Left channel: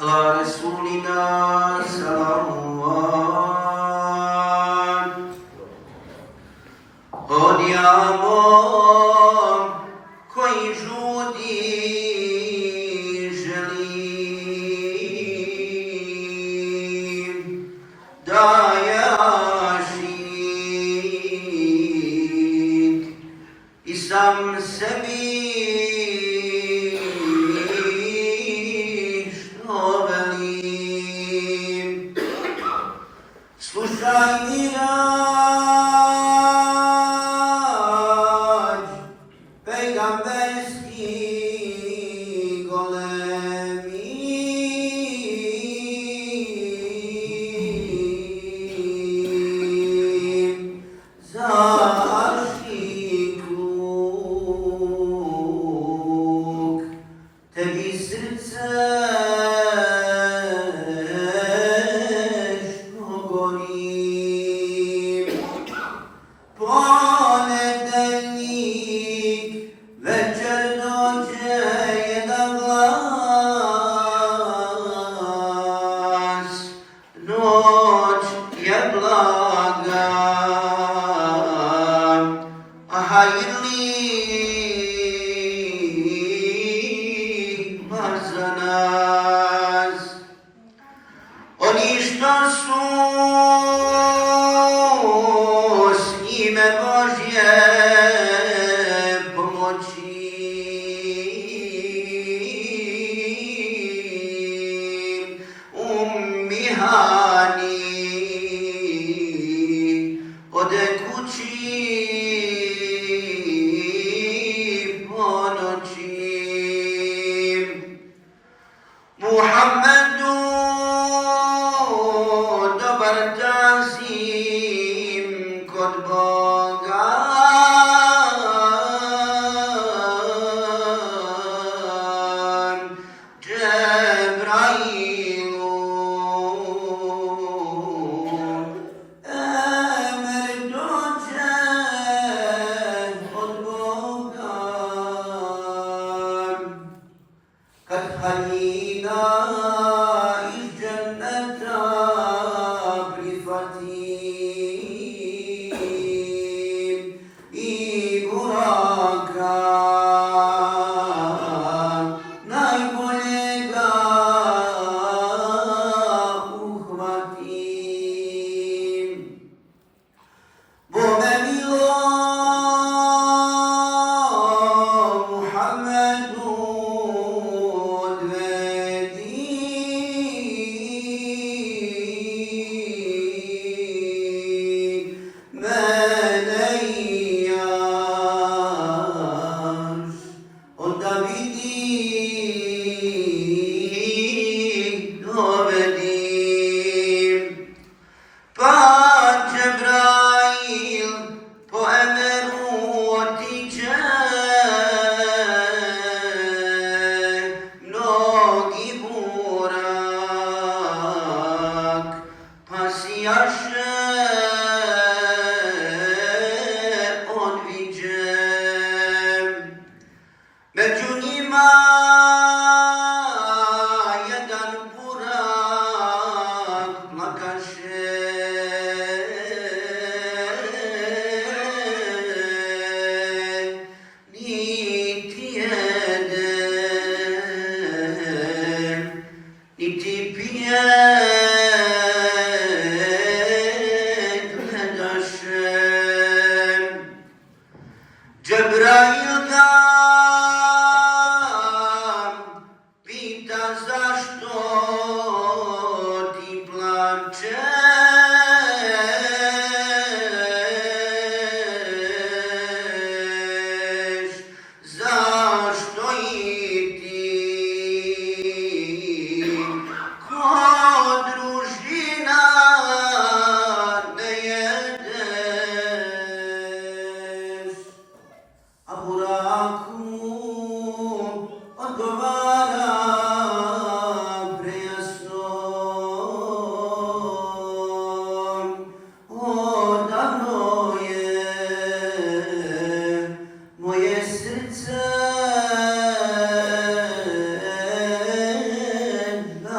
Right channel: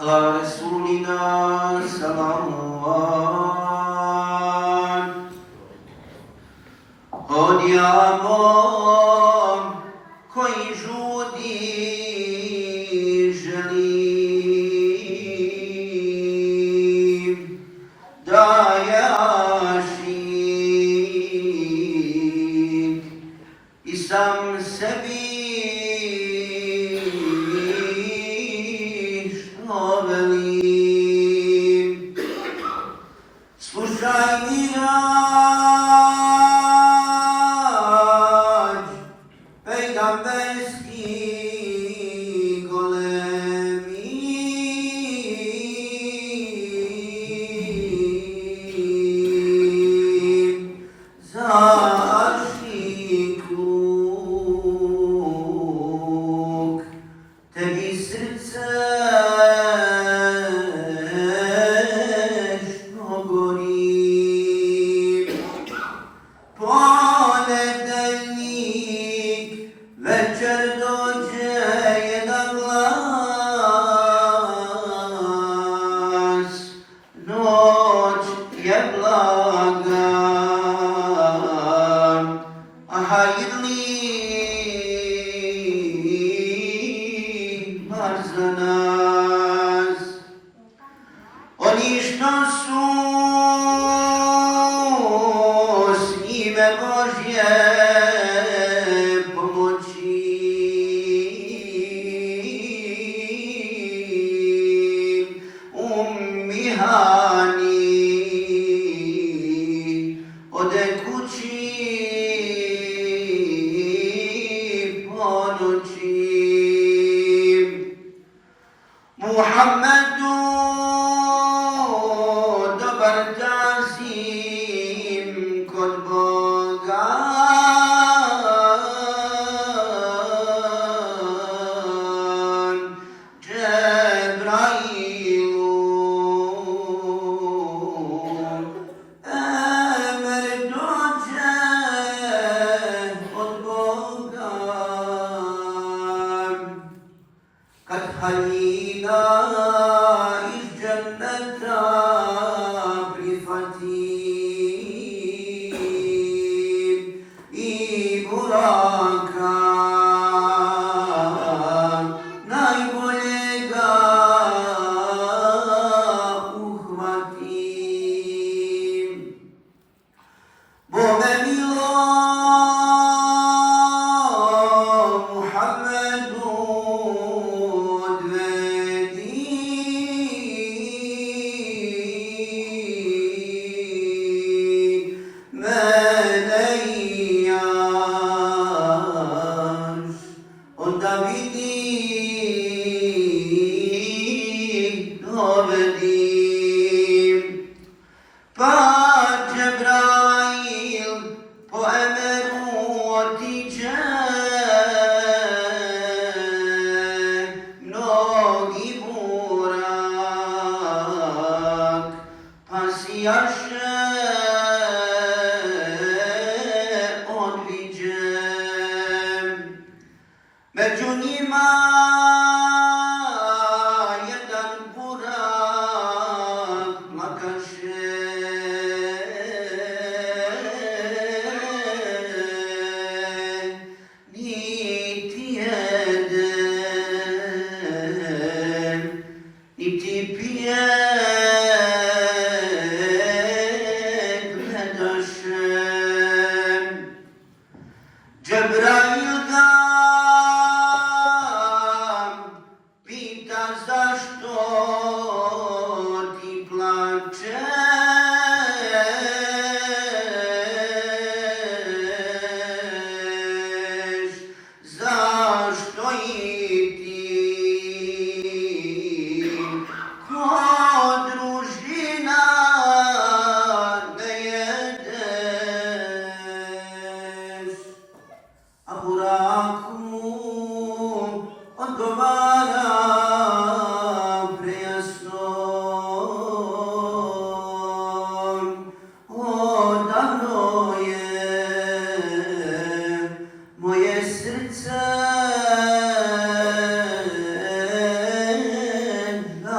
على رسولنا صلوات. Odiamo koji žudi želim da jašik i sam sebi što velim. Slušaj mirađ pejgamberski golemi, zaštitluk tebi srce ponedeljnik večer dođe jedan glas, noć je blaga, a hajirli bar za nas. Oni što su s njime Božje pomoći, umihani ode kući po noći. Muhammedu dobar tazim kod Boga, Džebrailu emer dođe od Boga, kad Halila iz dženneta prihvatim i Buraka najboljega uhvatim. Bome milo Muhammedu odvedi, mene i jaš onda vidi dovedim. Pa Džebrail po emeru otiđe, mnogi Burak pa sijaše odviđe. Među njima jedan Burak plakaše, niti jede, niti pije, gledaše. Džebrail ga pita zašto ti plačeš, zašto i ti kod družina ne jedeš. A Buraku odgovara prejasno,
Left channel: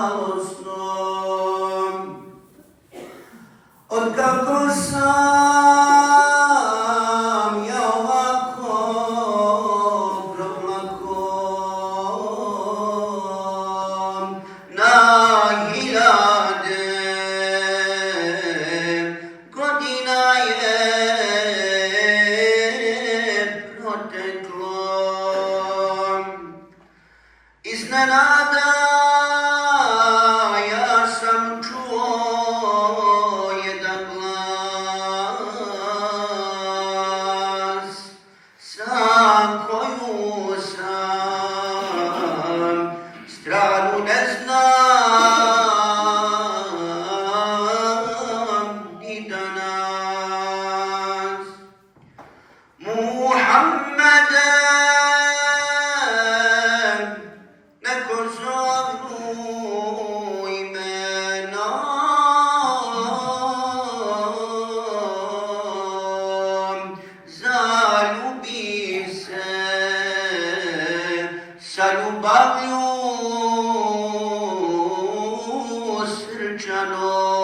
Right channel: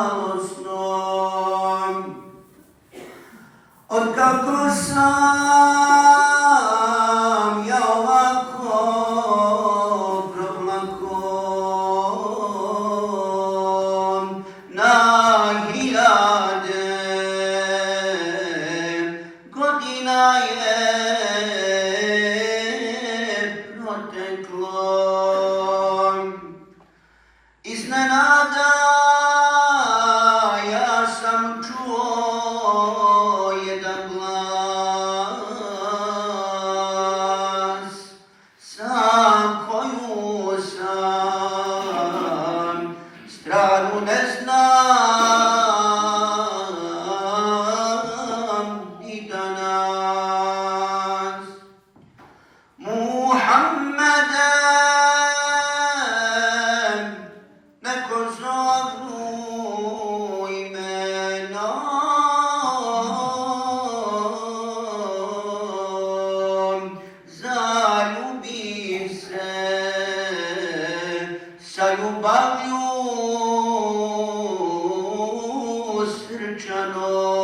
žalostnom. Otkako sam ja ovako proplakom na hiljade godina je proteklo. Iznenada ja sam čuo jedan glas za koju sam stranu ne znam ni danas. Muhammede neko zovu imenom, zaljubi se sa ljubavlju srčanom.